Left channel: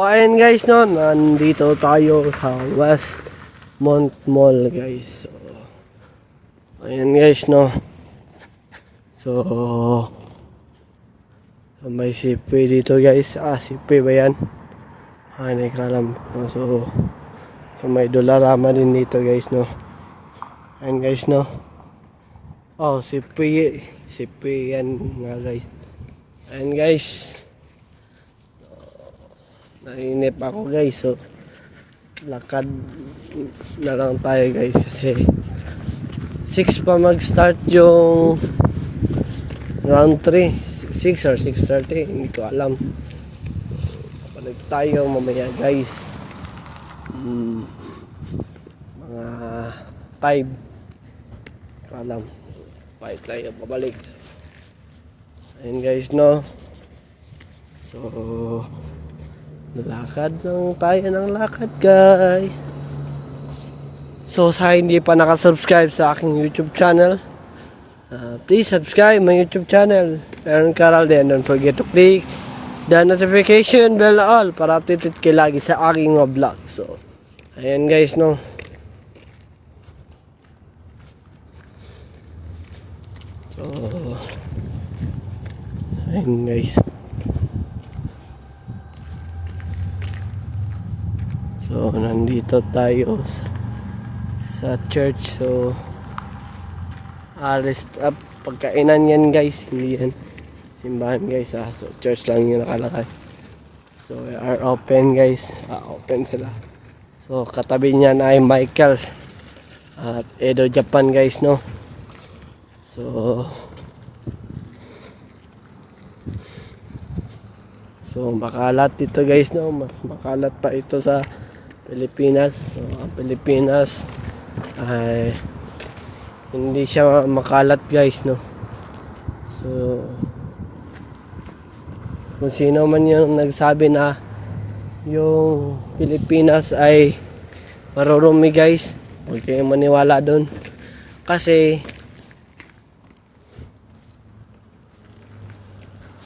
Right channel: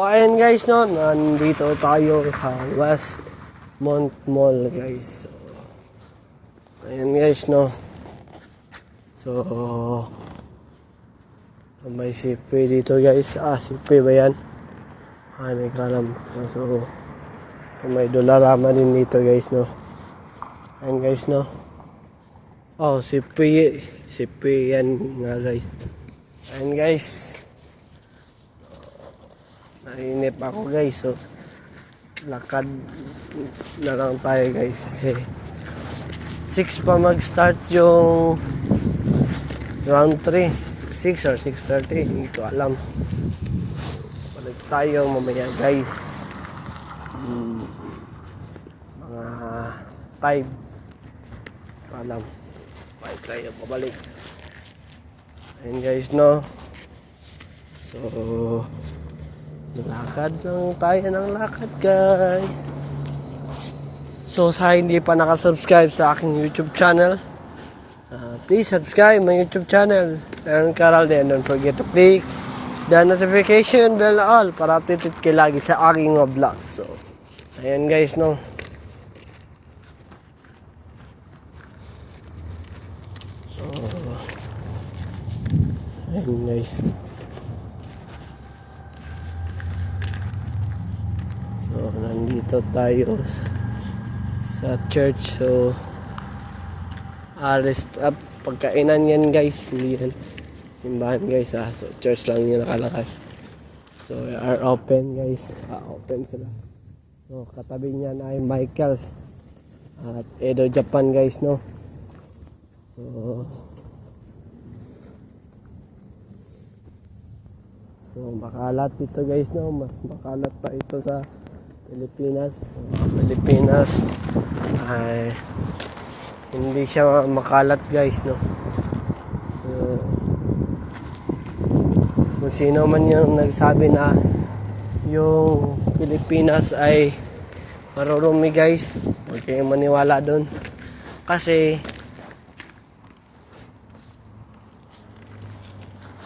Ayan guys, no, nandito tayo sa Westmont Mall guys. So, ayan guys, no. So, may sipi dito guys. Sipi ba yan? Hindi ko alam. So, may dolarama din dito guys, no. Ayan guys, no. Sipi yan nga guys. Ayan guys. Nainip ako guys, so lakad na lang tayo guys kasi 6 pa mag-start yung round 3, 6 or 6:30, hindi ko alam. Balik tayo mamaya guys, mga 5 ko alam, 5 tayo pabalik. Ayun guys, no. So lakad lang tayo ng lakad guys. So sa hindi pa nakasubscribe sa aking YouTube channel, please subscribe my YouTube channel, Aaron Caral. Then don't forget to click the notification bell all para updated kayo lagi sa aking vlog. So ayan guys, no. So ayan guys. So, nandito tayo sa church. So, alis up. Pagkainan yan guys. Hindi yan simbahan guys. So, church lang yung nakalakad. So, are open guys. Open sila. So, katabi niyan ay Michael's at Edo Japan guys, no. So, makalat dito guys, no. Mas makalat pa ito sa Pilipinas. Pilipinas ay hindi siya makalat guys, no. So kung sino man yung nagsabi na yung Pilipinas ay marurumi guys, huwag kayong maniwala doon kasi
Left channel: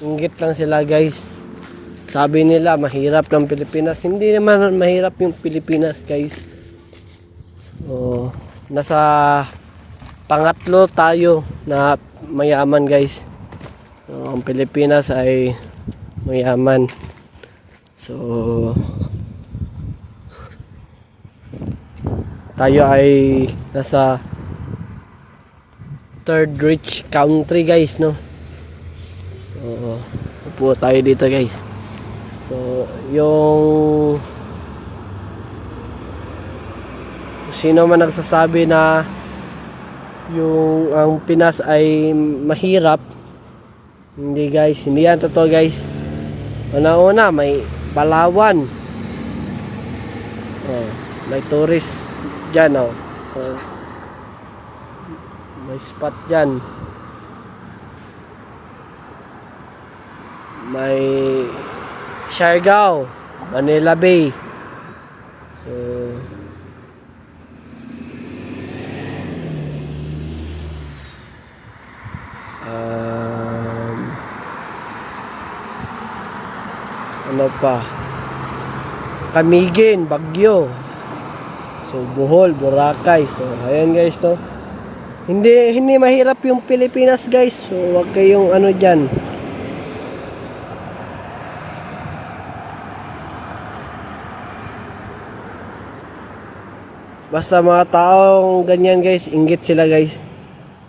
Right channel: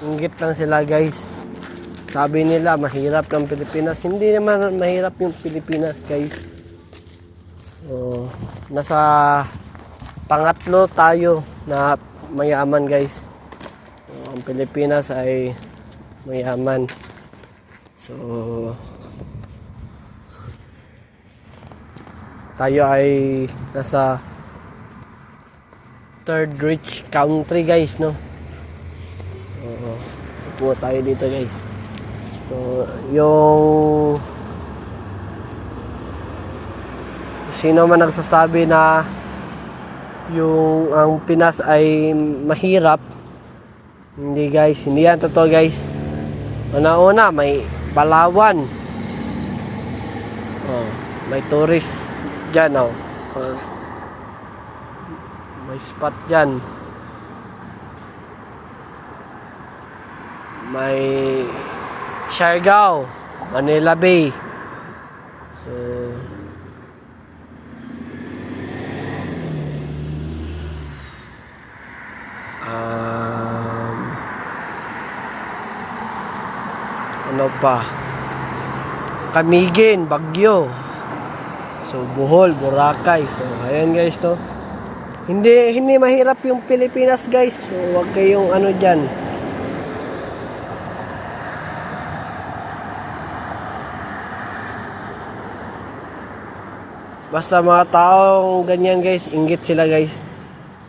inggit lang sila guys. Sabi nila mahirap ng Pilipinas. Hindi naman mahirap yung Pilipinas guys. So, nasa pangatlo tayo na mayaman guys. So, ang Pilipinas ay mayaman. So tayo ay nasa third rich country guys, no. So upo tayo dito guys. So, yung sino man nagsasabi na yung ang Pinas ay mahirap, hindi guys, hindi yan totoo guys. Una-una may Palawan, may tourist dyan, may spot dyan, may Siargao, Manila Bay. So ano pa, Camiguin, Baguio, so Bohol, Boracay. So ayan guys, no. Hindi mahirap yung Pilipinas guys. So wag kayong ano dyan. Basta mga taong ganyan guys, inggit sila guys.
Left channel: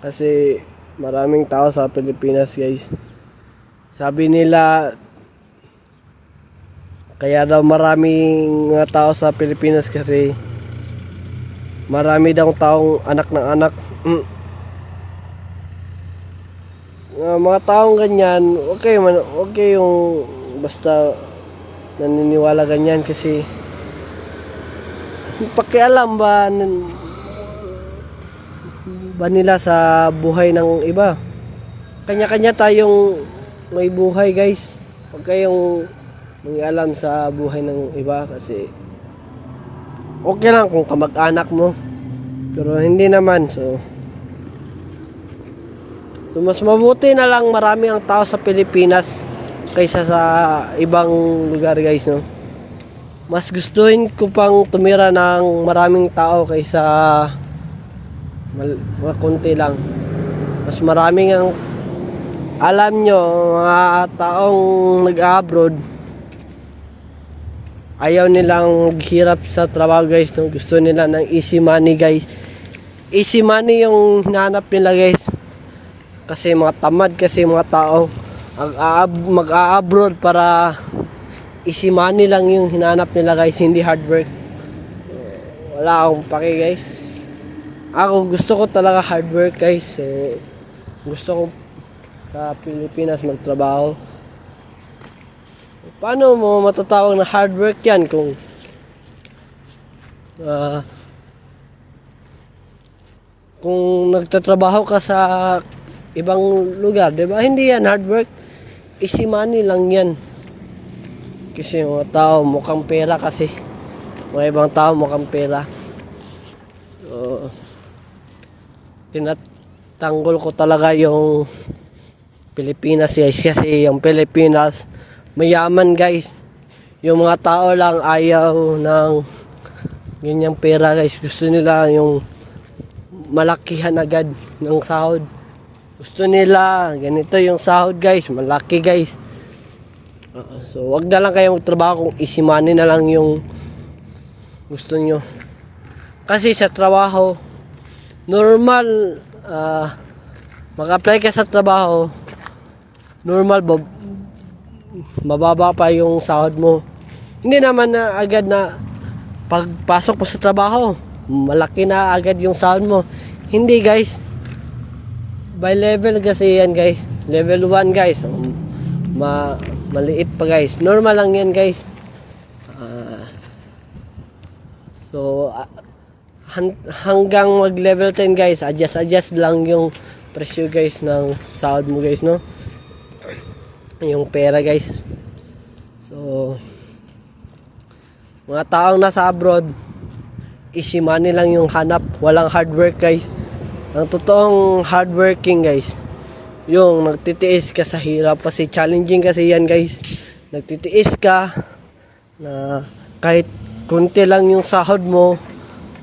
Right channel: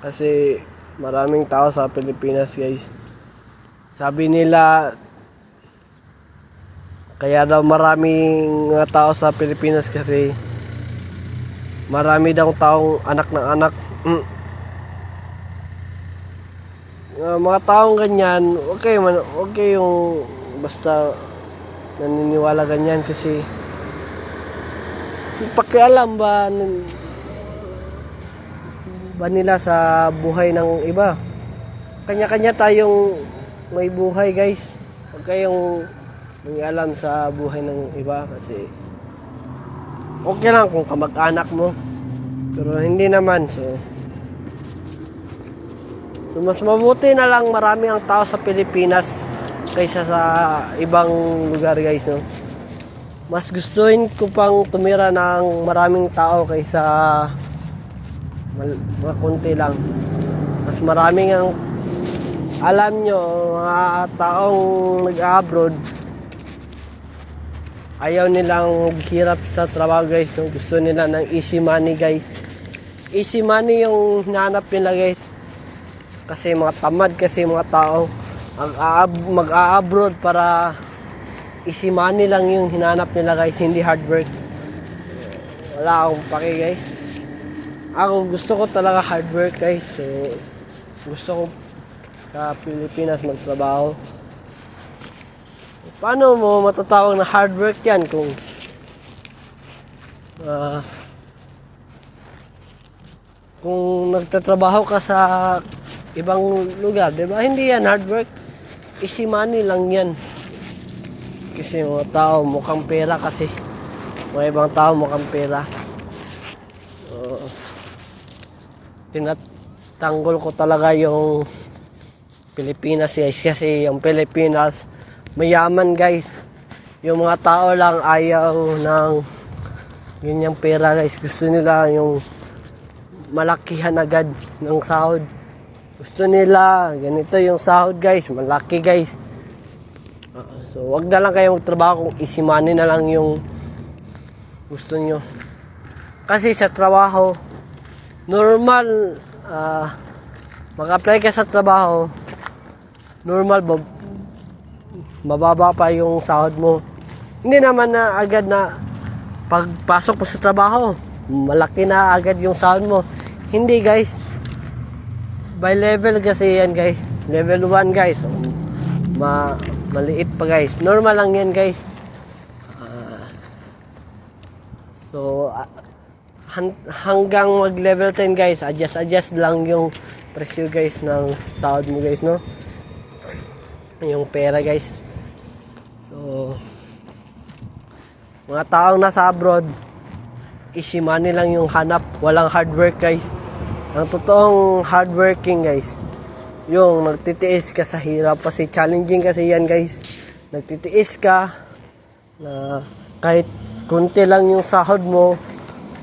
Kasi maraming tao sa Pilipinas guys. Sabi nila kaya daw maraming mga tao sa Pilipinas kasi marami daw taong anak ng anak. Mga taong ganyan, okay yung basta naniniwala ganyan kasi pakialam ba nila sa buhay ng iba. Kanya-kanya tayong may buhay guys. Huwag kayong mangialam sa buhay ng iba kasi okay lang kung kamag-anak mo, pero hindi naman. So mas mabuti na lang marami ang tao sa Pilipinas kaysa sa ibang lugar guys, no? mas gustuhin ko pang tumira ng maraming tao kaysa konti lang. Mas maraming ang alam nyo, mga taong nag-abroad, ayaw nilang maghirap sa trabaho guys. No? Gusto nila ng easy money guys. Easy money yung hinahanap nila guys. Kasi mga tamad kasi mga tao mag-a-abroad para easy money lang yung hinahanap nila guys, hindi hard work. Wala akong pake guys. Ako gusto ko talaga hard work guys. So gusto ko sa Pilipinas magtrabaho. Paano mo matatawag na hard work yan kung nagtatrabaho ka sa ibang lugar, di ba? Hindi yan hard work. Easy money lang yan. Kasi mga tao mukhang pera kasi. Mga ibang tao mukhang pera. Tinatanggol ko talaga yung Pilipinas guys. Kasi yung Pilipinas mayaman guys. Yung mga tao lang ayaw ng ganyang pera guys. Gusto nila yung malakihan agad ng sahod. Gusto nila ganito yung sahod guys, malaki guys. So wag na lang kayo magtrabaho kung easy money na lang yung gusto nyo. Kasi sa trabaho normal, mag-apply ka sa trabaho normal, mababa pa yung sahod mo. Hindi naman na agad na pagpasok mo sa trabaho malaki na agad yung sahod mo. Hindi guys, by level kasi yan guys. Level 1 guys, maliit pa guys, normal lang yan guys. So hanggang mag level 10 guys, adjust lang yung presyo guys ng sahod mo guys, no? Yung pera guys. So mga taong nasa abroad, easy money lang yung hanap, walang hard work guys. Ang totoong hardworking guys, yung nagtitiis ka sa hirap. Kasi challenging kasi yan guys. Nagtitiis ka na kahit kunti lang yung sahod mo,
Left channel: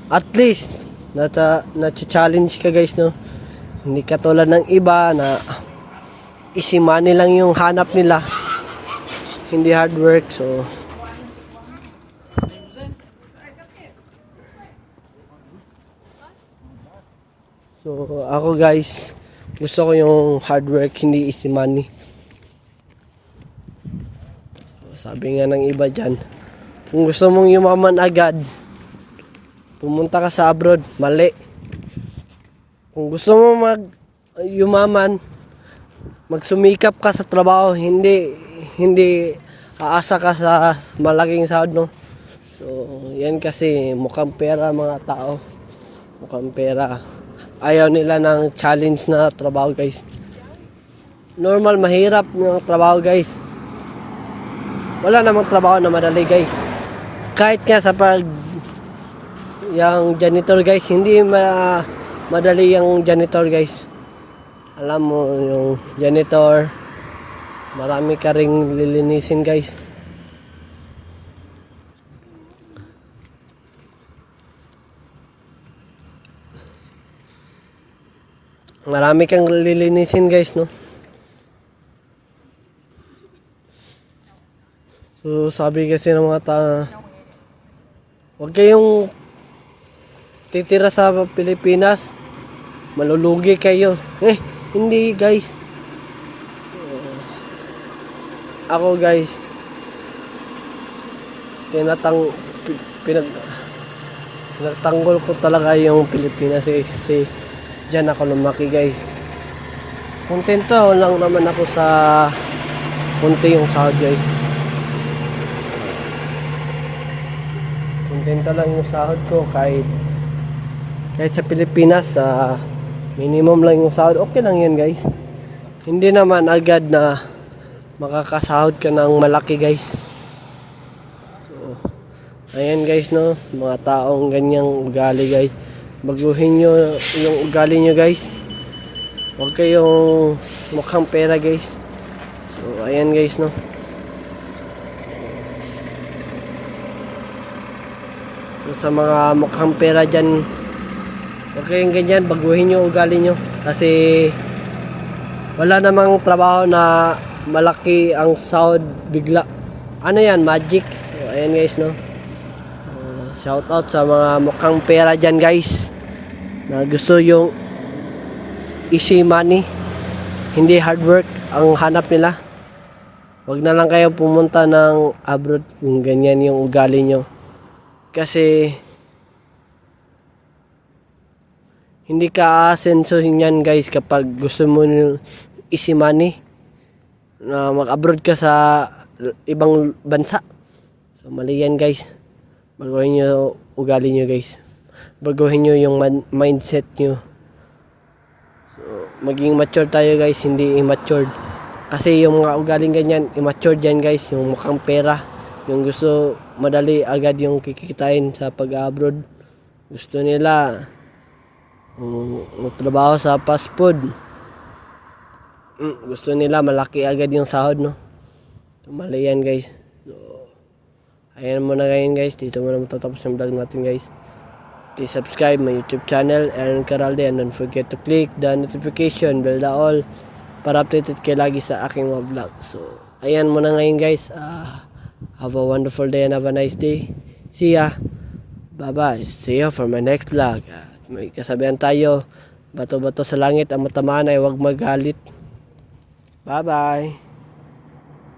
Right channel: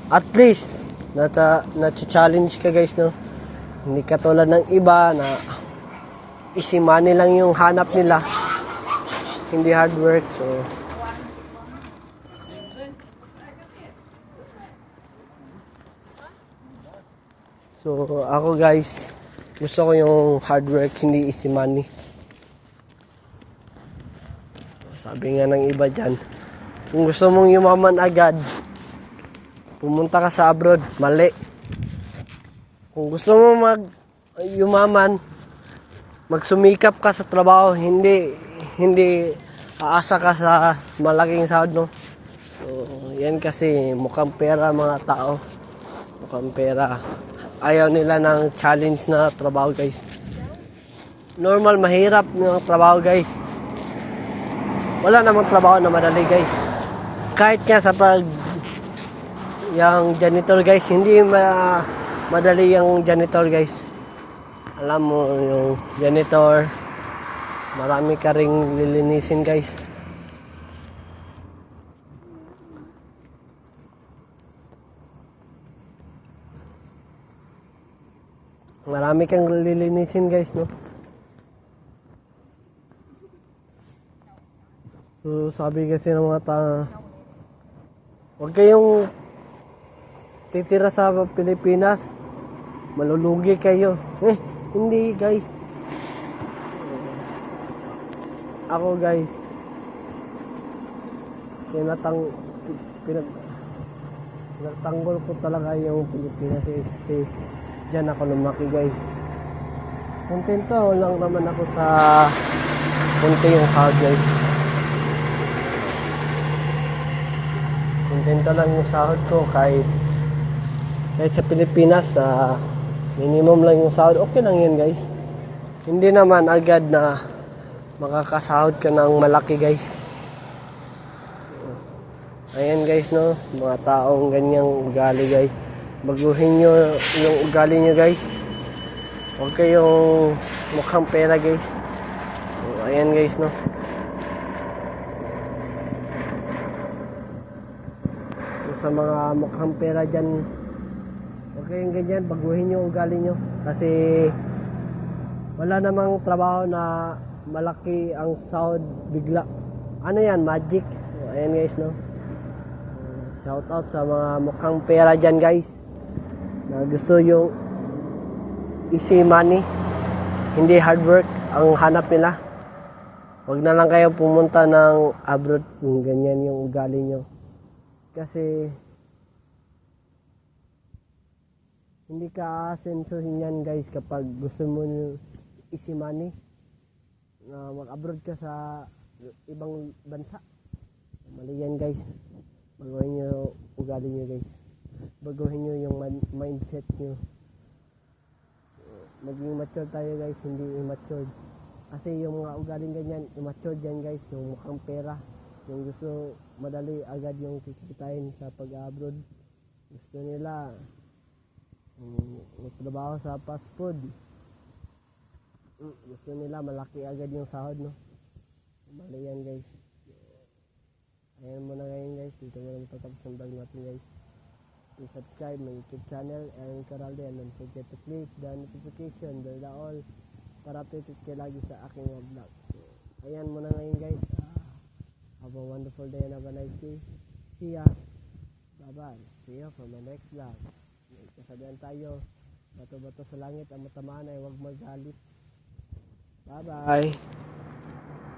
at least na-challenge ka guys, no? Hindi katulad ng iba na easy money lang yung hanap nila, hindi hard work. So ako guys, gusto ko yung hard work, hindi easy money. Sabi nga ng iba dyan, kung gusto mong yumaman agad, pumunta ka sa abroad. Mali. Kung gusto mo yumaman, magsumikap ka sa trabaho, hindi aasa ka sa malaking sahod, no? So yan kasi mukhang pera mga tao, mukhang pera. Ayaw nila ng challenge na trabaho guys. Normal, mahirap ng trabaho guys. Wala namang trabaho na madali guys. Kahit nga sa yung janitor guys, hindi madali yung janitor guys. Alam mo yung janitor, marami ka ring lilinisin guys. Marami kang lilinisin guys, no? So sabi kasi ng mga huwag kayong titira sa Pilipinas, malulugi kayo. Hindi guys. Ako guys, pinagtanggol ko talaga yung Pilipinas kasi diyan ako lumaki guys. Kontento lang naman ako sa konti yung sahod guys. Kontento lang yung sahod ko kahit sa Pilipinas, minimum lang yung sahod. Okay lang yan guys. Hindi naman agad na makakasahod ka ng malaki guys. Ayan guys, no, mga taong ganyang ugali guys, baguhin nyo yung ugali nyo guys. Huwag kayong mukhang pera guys. So ayan guys, no. So, sa mga mukhang pera dyan, huwag kayong ganyan, baguhin nyo ugali nyo. Kasi wala namang trabaho na malaki ang sahod bigla. Ano yan, magic. So, ayan guys, no. Shout out sa mga mukhang pera dyan guys, na gusto yung easy money, hindi hard work ang hanap nila. Huwag na lang kayong pumunta ng abroad kung ganyan yung ugali nyo. Kasi hindi ka aasenso yan guys kapag gusto mo ng easy money na mag-abroad ka sa ibang bansa. So mali yan guys. Baguhin nyo ugali nyo guys. Baguhin nyo yung mindset nyo. So, maging mature tayo guys, hindi immature. Kasi yung mga ugaling ganyan, immature dyan guys. Yung mukhang pera. Yung gusto madali agad yung kikitain sa pag-abroad. Gusto nila magtrabaho sa fast food. Gusto nila malaki agad yung sahod, no? So, mali yan guys. So, ayan muna ngayon guys. Dito muna matatapos yung vlog natin guys. Please subscribe my YouTube channel, Aaron Caralde, and don't forget to click the notification bell na all para updated kayo lagi sa aking mga vlog. So, ayan muna ngayon guys. Have a wonderful day and have a nice day. See ya. Bye-bye. See you for my next vlog. May kasabihan tayo, bato-bato sa langit, ang matamaan ay huwag magalit. Bye-bye.